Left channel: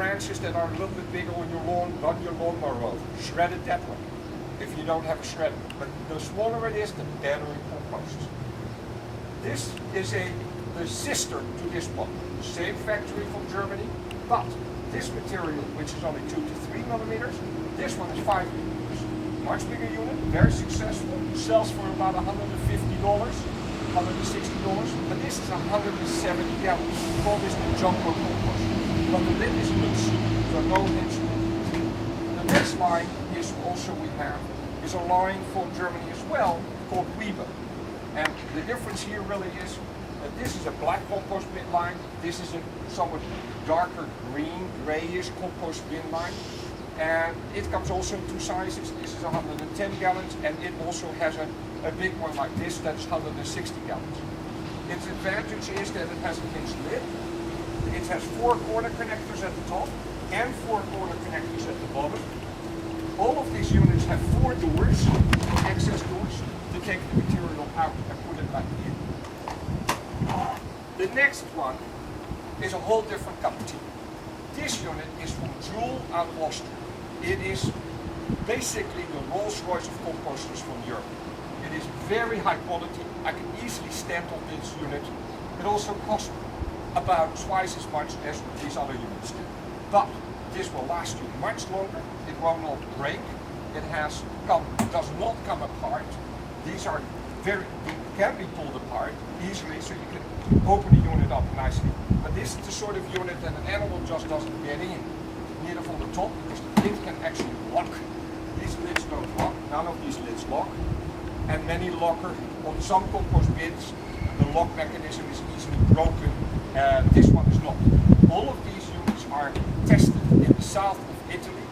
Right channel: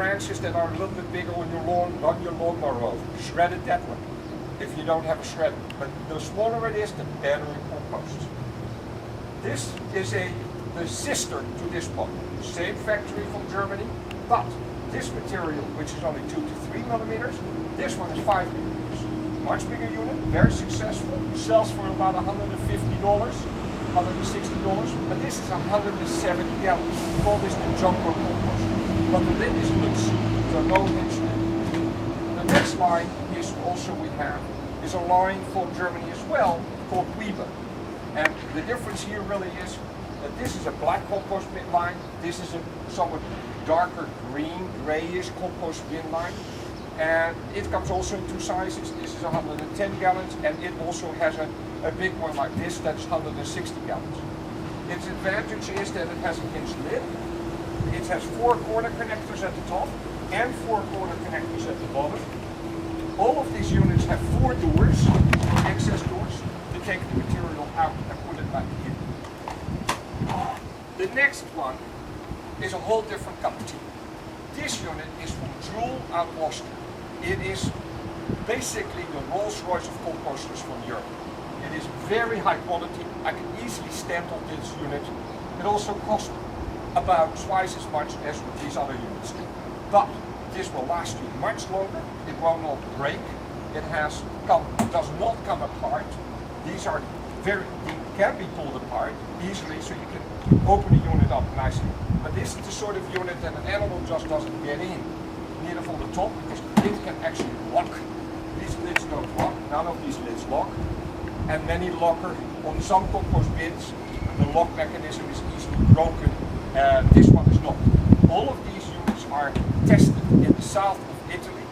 branches that are a little bit bigger on your lawn, run your lawnmower over. Shred it that way, if you don't have a shredder. But the smaller it is, the better it composts. This is the sister to this one. Same factory from Germany, but this material, which is only 2 to 3 millimeters, this one is 5 millimeters. Much bigger unit, very successful, sells for about $150. $160, but this is 170 gallons. We call this the jumbo compost. But the lid is loose, so no hinge lid. The next line is also we have is a line from Germany as well called Weber. And the difference here really is that this is a black compost bin line. This is a somewhat darker green, grayish compost bin line. And it comes also in 2 sizes. This is 110 gallons, and it also has a big one like this that's 160 gallons. Its advantage is that it has a hinge lid. It has 4 corner connectors at the top and 4 corner connectors at the bottom. All of these units have 4 doors, access doors, to take the material out and put it back in. The next one is a whole different cup of tea. This unit is from Joule out of Austria. It is basically the Rolls-Royce of composters from Europe. It is very high quality. I can easily stand on this unit. It also costs about twice as much as these other units do. But this will last you much longer. It will not break. It does not come apart. These are they can be pulled apart easily, so you can open the unit up nicely. But this is the sort of unit that an animal just doesn't get in. Neither from the top, because the lid can actually lock. These lids don't lock. None of these lids lock. And many locker. On some compost bins, the lock mechanism is easily broken. This one is not. All of these units are tested in the south of Italy.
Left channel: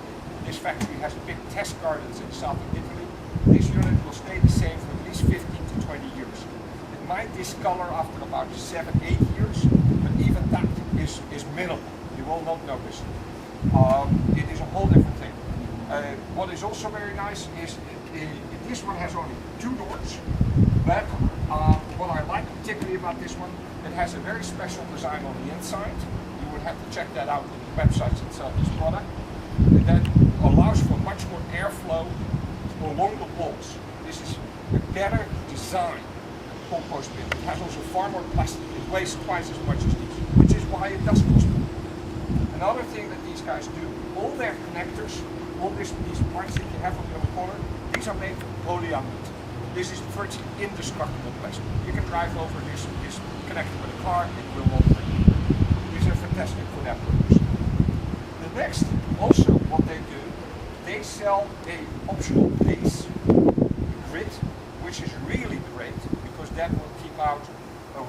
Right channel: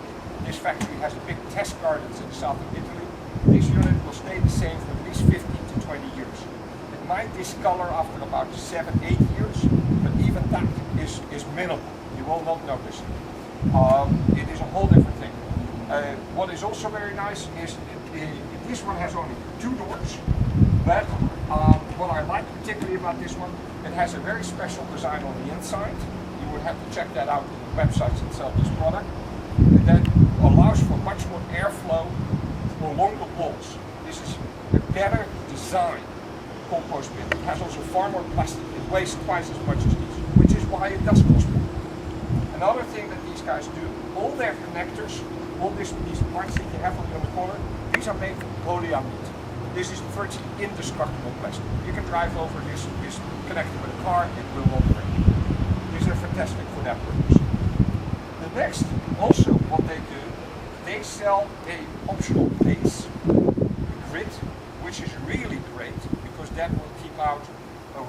This factory has big test gardens in the south of Italy. This unit will stay the same for at least 15 to 20 years. It might discolor after about 7, 8 years, but even that is minimal. You will not notice it. It is a whole different thing. What is also very nice is this one has only 2 doors, but what I like particularly about this one, it has a very special design on the inside. You would have to check that out in the websites that sell this product. That allows for much more airflow along the walls. This is a better design compost bin. It has also far more plastic. It weighs twice as much as these, which is why it does cost more. Another thing that these guys do, all their connectors, all these parts that you have on the corner, these are made from polyamide. This is virtually indestructible plastic. You can drive over this connector with a car, it will not break. These are fantastic for that purpose. The next, also what they do, they sell a optional base, a grid, which is really great because that will keep out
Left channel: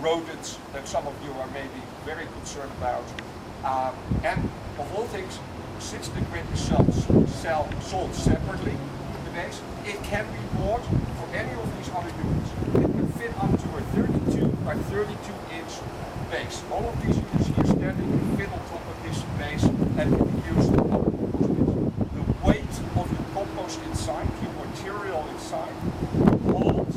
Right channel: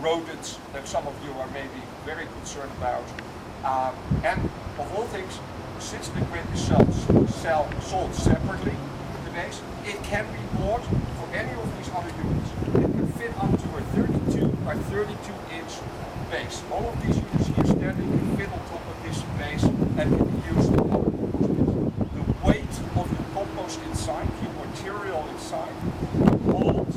rodents that some of you are maybe very concerned about. And of all things, since the grid is sold separately, the base, it can be bought for any of these other units. It can fit up to a 32 by 32 inch base. All of these units here standing can fit on top of this base and can be used in other compost bins. The weight of your compost inside, your material inside, hold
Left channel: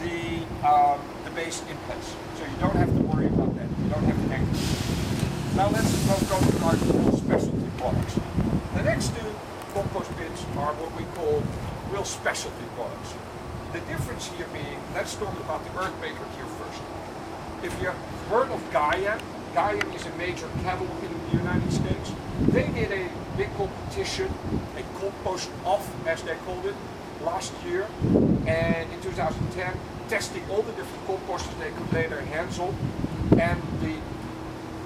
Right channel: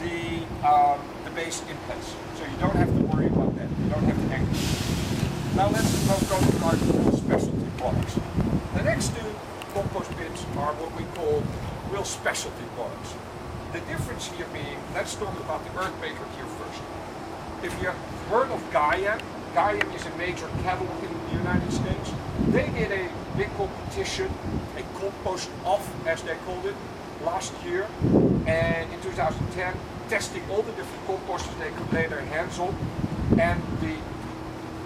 the base in place. So you don't have to worry about that. You don't have to anchor it. Now let's go to our real specialty products. The next 2 compost bins are what we call real specialty products. The difference here being, let's talk about the Earthmaker here first. If you have heard of Gaia is a major catalog in the United States. They did a big competition, a compost off as they called it, last year, and in 2010, testing all the different composters they could lay their hands on, and the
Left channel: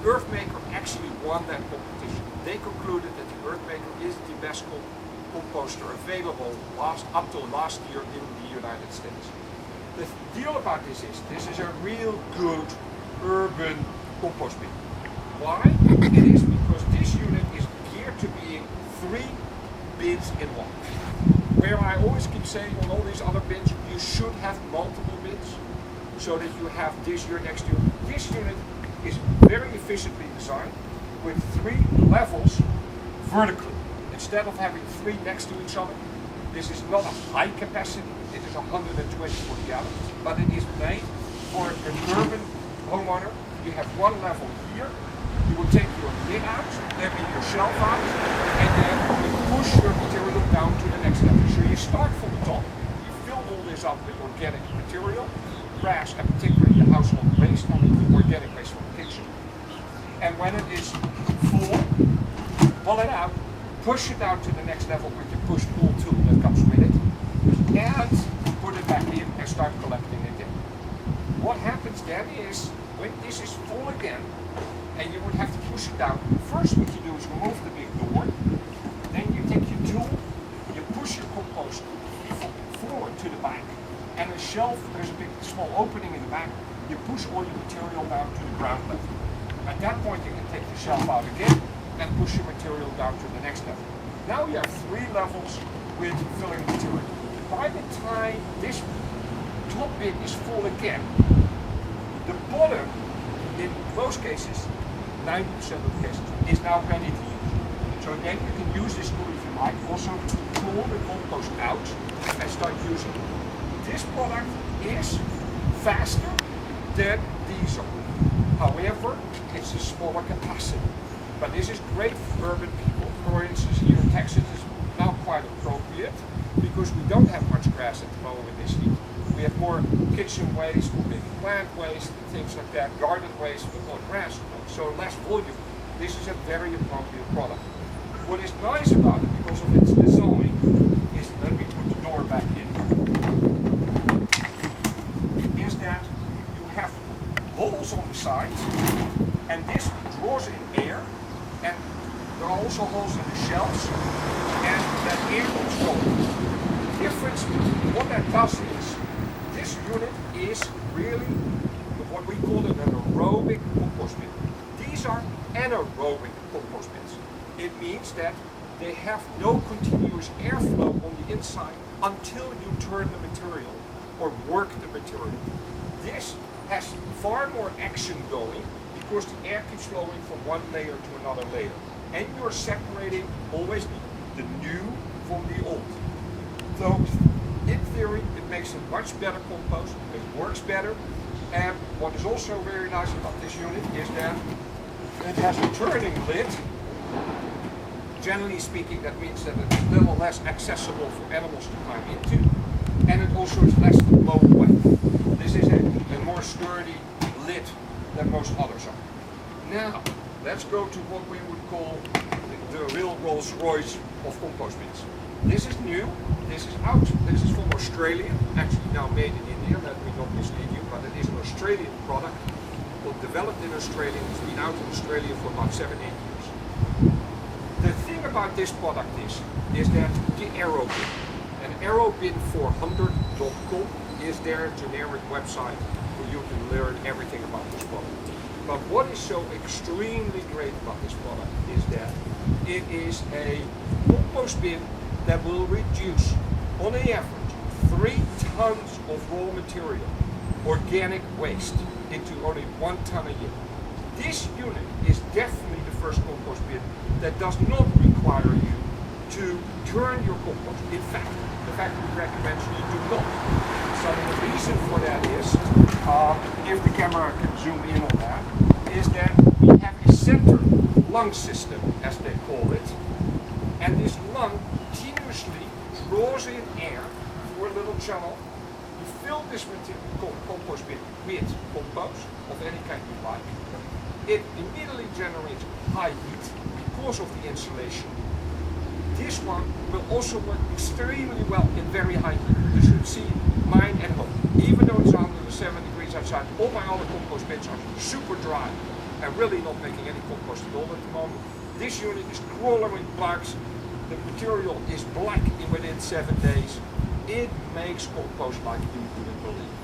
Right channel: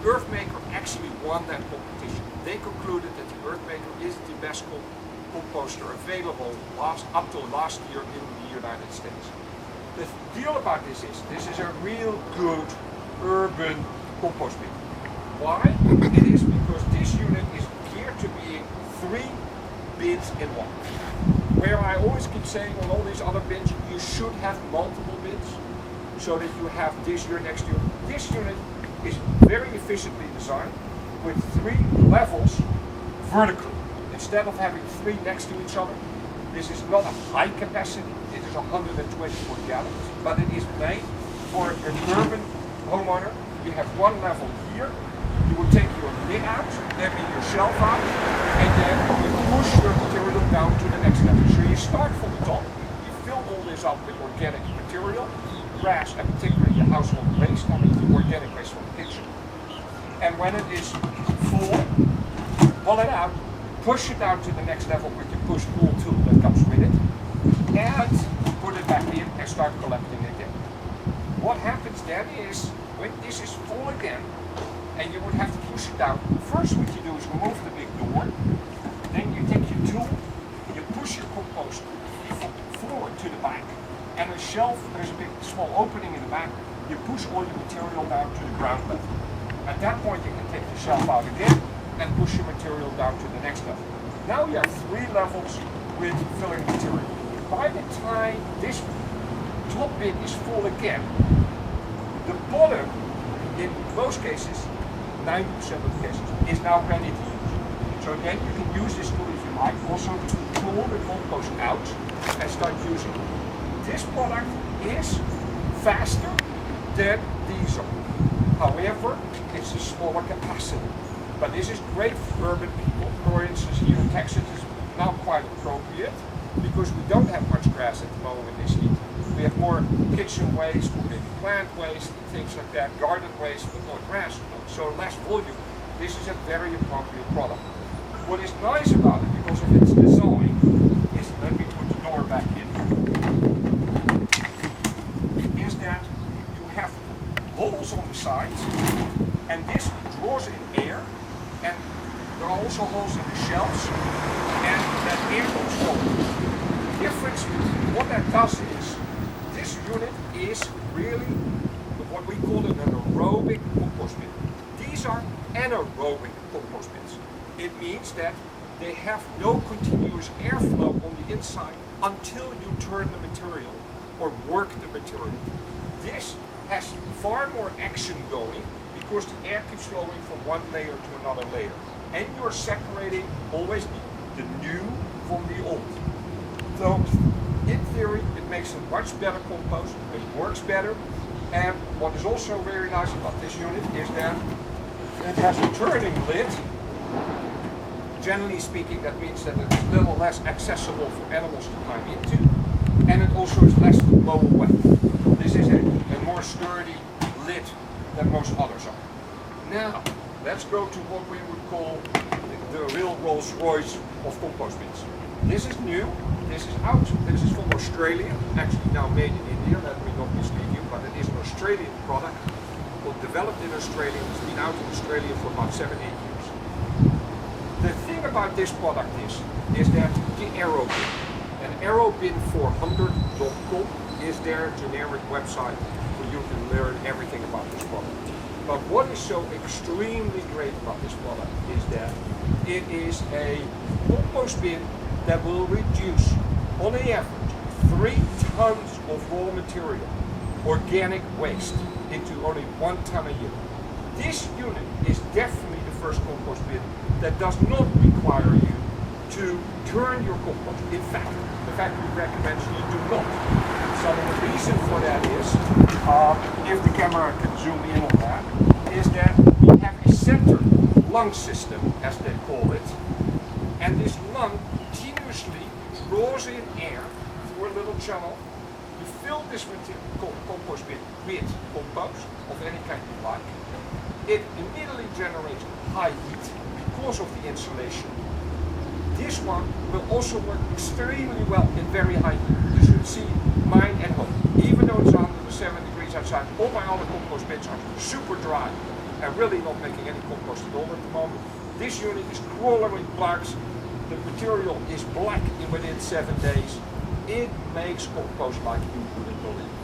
Earthmaker actually won that competition. They concluded that the Earthmaker is the best composter available up till last year in the United States. The deal about this is a real good urban compost bin. Why? It is because this unit is geared to being 3 bins in one. Where I always keep saying on all these other bins, you should have multiple bins so that you have this here next to you. This unit is very efficiently designed with 3 levels vertically. Instead of having 3 next to each other, this is not a high capacity, it is 124 gallons, but it is made for an urban homeowner. You have 1 level here, You will take your lid out, your shelf out, and then you push your material down to the next level. So you start from the top, you fill all this up with organic material, grass, and particularly the household waste, I mean the organic waste from the kitchen. And when it is full, pull it out, push it down to the next level with your push-pull tool that comes with it, and put it back in and start collecting again. What happens then is, when this is full again, and you would have to push it down, first what you do is remove the big door, then you take your tool, you push your compost forward to the back, and a shelf, there's a big small opening in the back, you push all your material down to the ground level. At that point you can take the shelf out again and push your material down to the next level. Now you have 3 levels with filling material. By the time this top bin is full again, the bottom, in most cases, 90% of the cases, is now ready to use. So then you can use this tool if you like, also to pull the compost out and start using it. This product is faster than diesel. However, it's a smaller capacity. But this is great for urban people. For instance, here in Texas, it's now quite appropriate because we don't have much grass at the moment with this heat. We have more kitchen waste, or maybe plant waste, and things like that, garden waste, but not grass, so less volume. This is a very appropriate product. What is nice about it, because of its design, is, let me put the door back in, is that you have holes on the sides, and this draws in air, and there are also holes in the shelves, and that air goes forward. The difference between what that does is, this unit is really what we call an anaerobic compost bin. These are anaerobic compost bins. It means that they have no continuous airflow on the inside until you turn the material or work the material. This has far more action going because the air keeps flowing from one layer to another layer. And you're separating always the new from the old. So in theory, it makes a much better compost, it works better, and what is also very nice about this unit is that it has a turning lid. Generally speaking, that means that it's a little less accessible for animals to climb into, and it also is less to blow away. This is a more sturdy lid than most others are. Now, let's go to what we would call the real Rolls Royce of compost bins. This is new. This is out. This is from Australia, actually now made in India, let me not mislead you, but it is an Australian product, developed in Australia. It's been out in Australia for about 7-8 years. The thing about this product is that the Aerobin, and aerobin400.com is their generic website where you can learn everything about this product. But what is so extremely great about this product is that it is a compost bin that will reduce, on the average, 3 tons of raw material, organic waste, into only 1 ton a year. This unit is definitely the first compost bin that does not require you to turn your compost. In fact, the factory recommends you do not. So the reason for that is, if the camera can zoom in on that, is that we have a center lung system, as they call it, and this lung continuously draws in air through a little channel. You fill this compost bin with compost of any kind you like. It immediately generates high heat because of the insulation. This one will also work extremely well in very high heat. You should see mine at home. Even though it's 107 degrees outside, all my other compost bins are super dry and really not making any compost at all at the moment. This unit is crawling with bugs. The material is black within 7 days. It makes compost like you wouldn't believe.